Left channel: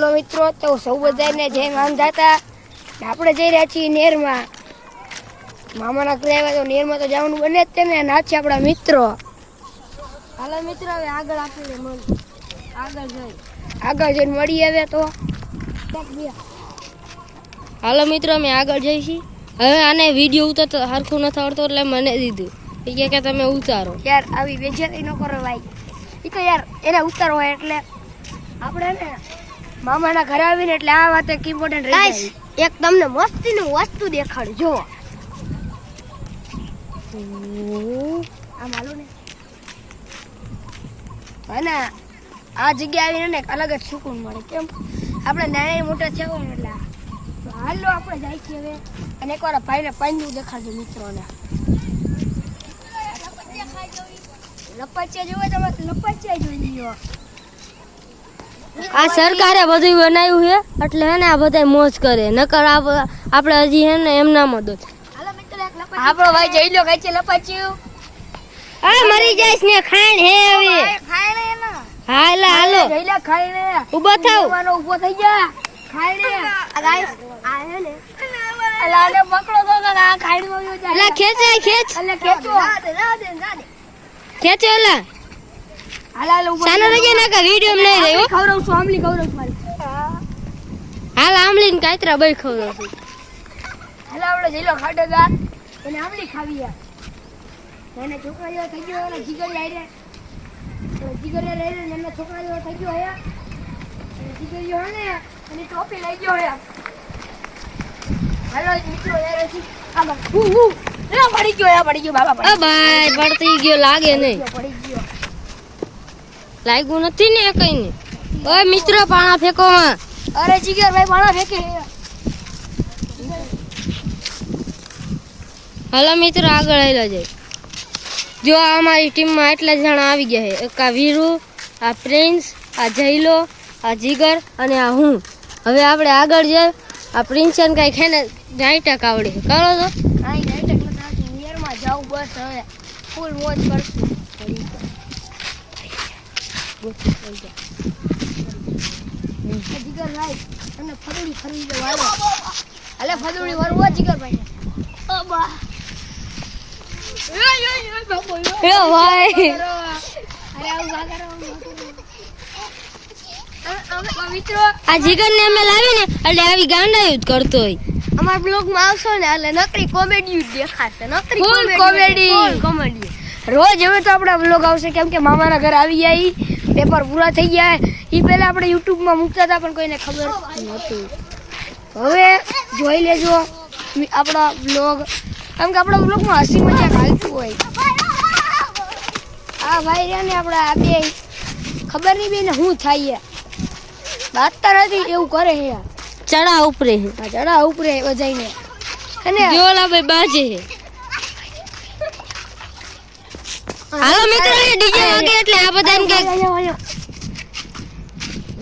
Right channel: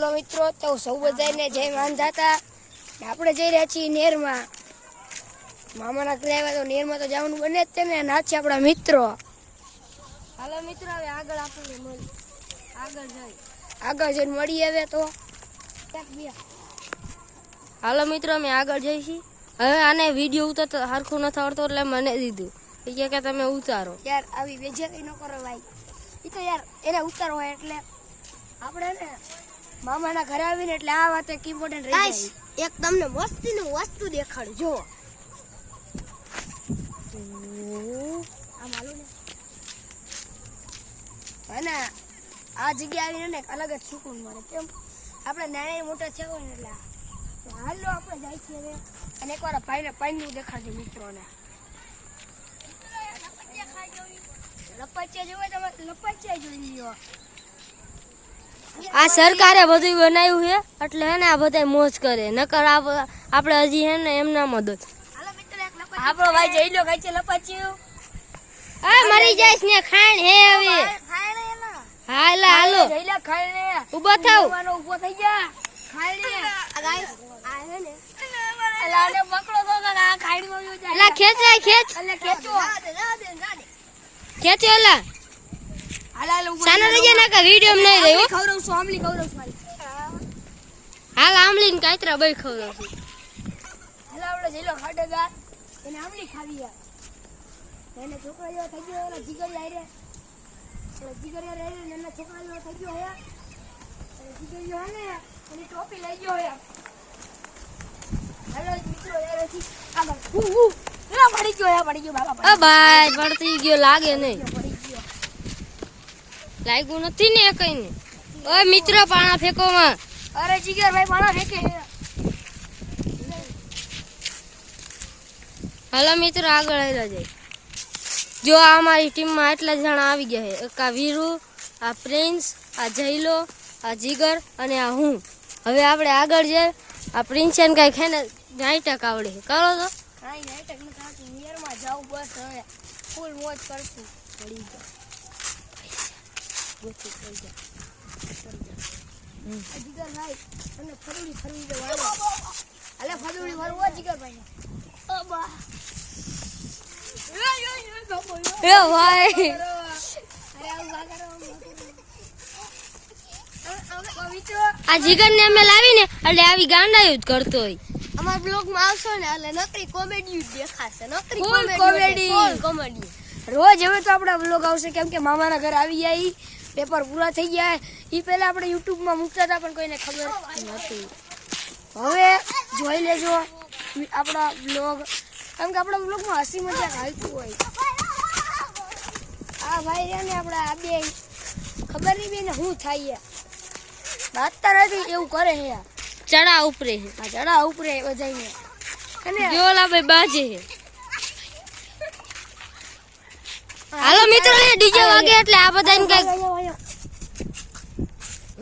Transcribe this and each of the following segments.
Hello મિત્રો, તો સૌ બધાને જય માંધાતા. આપણે જઈ રહ્યા છીએ નેરમાં. મામાના ઘરે આવ્યા તો નેરમાં તો જવાનું બને જ છે ને. ના છે આપણા મિત્રો. હાલો મિત્રો, હવે આગળ જઈને મળી આવે તો. હાલો મિત્રો, અમે આગળ જઈશી. હવે આને વિડીયો ઉતારતો હરખું નથી આવડતો એટલે મને દીધું. એ કે તમે ઉતારો. યાર આવી બેજેતી ન કરો ભાઈ. એ તો યાર એને ઉતારવો હોય એટલે આપણે ને મામાના ઘરે આવીને એટલે આ વાત એક ઇમ્પોર્ટન્ટ રહી જાય. એક તમને મસ્તીનું વસ્તુ દેખાડું જો. આમ હાલો ને. અને આ જગ્યા આવીને ને અલગ જ સુકૂન મળે. કેમ આપણે નાના મોટા થયા હોય ને એટલે તો હાલો આપણે જાય છીએ હવે. અને એકવાર ભાઈને પાણીનું દેખાડજો મિત્રોને. લપચ્યા જોવે તમે લપચ્યા જોઈ લ્યો. આ સરકારે બધું બનાવ્યું છે એટલે હે ને આ બધા મોજ કરે. નકર આપણે હજી હે ને એમના મદદ. હાલો મિત્રો, એક લપચ્યું આપણો ભાઈ જઈ લો. કઈ છે લપચ્યું? આ મરી જાયસ ને ખાણ હે હવે. ખાયણે એના હાલો હાલો જઈ લે. ખાયણે ઊભો થાવ. ઊભો થઈ જા. ખાયણે આ ગાઈસ આ હે ને અલાને પકડો તો આ ખાયણમાં ગયો જાય. એલા ખેંચ ખેંચ. એટલે ખેંચો. ખેંચો એલા. હાલ ઊભો સાનો રજે ના કા વિડિયો માં નહીં રહ્યો. ખવરાવ છું આમલી ખવરાવ છું મારી. હાલ આમલી ને કાતરા બઈ ખવરાવ છું. હાલ આપણે જઈ લો ખાડે ગાત અને આમલી ખાવી યાર. એને છોકરા જેવો થઈ ગયો. એના જીગર આઈ રે જીગર રે એના છોકરા જેવો થઈ ગયો હે. અને જીગર જો હે ને એની ટોપી લઈ ગયો હે. હાલો મિત્રો યાર હજી આગળ પડી ગયો બાબા. ઓ ભાઈ પડતી ગયો લાગે નહીં. પડી ગયો. લાગ્યું નથી ને કઈ ને. ઓય મિત્રો પાણા ફેંકો માં. અરે જીગર ભાઈ પાણા ફેંકે. હાલો મિત્રો આગળ આવેલા જાય. જો અમારી ટીમમાં એટલા જણા આવી ગયા છે. એક આ વીરુ, આ પ્રિન્સ, આ જયલો, આ જીગર અને આ હું. હવે આપણે આગળ જાય. આ પ્રિન્સ ને કઈ ખેને નાઈટક આવડે છે. કરો તો આઈ નાઈટક નથી. નિયરમાં જાવ બસ. હવે ફૂલ મોજ કરશું. જીગર ભાઈ તમને ફદુડી ફરી જવા. હાલે ફદુડી વરવો જીગર ભાઈ. એ ભાઈ મિત્રો આ જીગર ને અમે લાવીને એટલે આવી ગાંડાયું જ કરતો હોય. અમારા બ્લોગ માં આવશો ને એટલે નકરી કોમેડી દેખાશે. નકરી Full કોમેડી. રોજ હવે તો આપણા બ્લોગ આવશે. કેમ કે મામાના ઘર આવી ગયા. પેપર પૂરા થઈ ગયા. એ પહેલા આપણે યુટ્યુબ માં મૂકતા હતા પણ કોઈને ખબર નહોતી. હવે જોઈ લેજો આપણા બ્લોગ. કેમ કે આપણા બ્લોગ માં હસી મજાક હાલતું હોય. આ ભાઈ રહ્યા ને આપણા આ બે ખબર નહીં બેને શું થાય. બાતતા નથી એવું કરે છે. ચડા ઉપરે છે. આ ચડા ઉપરે બધાને. અને જોલા ભાઈ બાજે છે. હાલો મિત્રો ડીજે વાગે એટલે આ બધાને કઈક.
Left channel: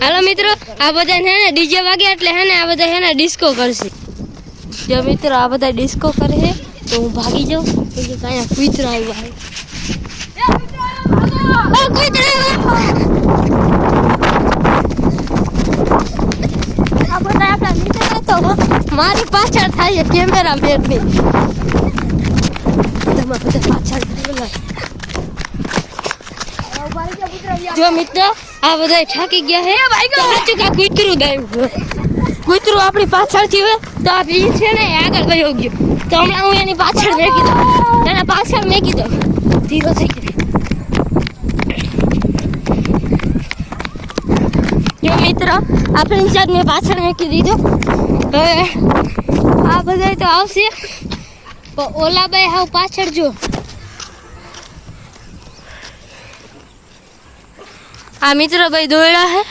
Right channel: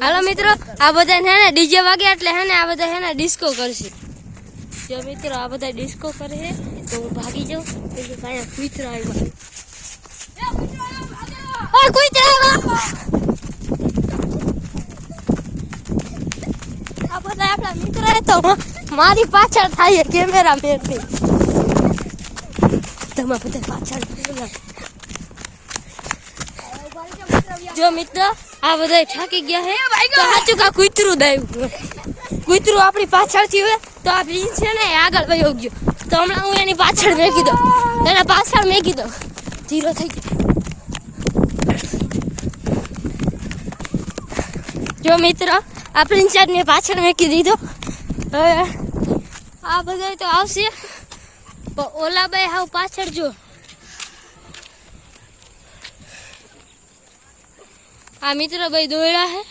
હાલો મિત્રો આ બધા હે ને ડીજે વાગે એટલે હે ને આ બધા હે ને ડિસ્કો કરશે. જો મિત્રો આ બધા ડિસ્કો કરે છે તો હું ભાગી જાઉં. કે કાયા કૂતરા આવ્યા. ઓય કૂતરા આવ્યા. આ બધા આપણા મિત્ર તો મારી પાછળ થાય કેમેરા મેન ની. તમે બધા પાછળ જો મિત્ર આ બધા થાકી ગયા હે. તો સાચું કા કૂતરું દાયું. કૂતરું આપણી પાછળથી હોય તો આ ભીજ છે ને આગળ વયો ગયો. તો હમણાં હું એની પાછળ મેકી દઉં. એના પાછળ મેકી દઉં. ધીરો થઈ ગયો. જો મિત્ર આ પ્રિન્સ મેં પાછળ મેકી દીધું. હવે આ બધા તો આવશે. તો ઓલા ભાઈ હાવ પાછળ જો. આ મિત્ર ભાઈ દોડ્યા હે.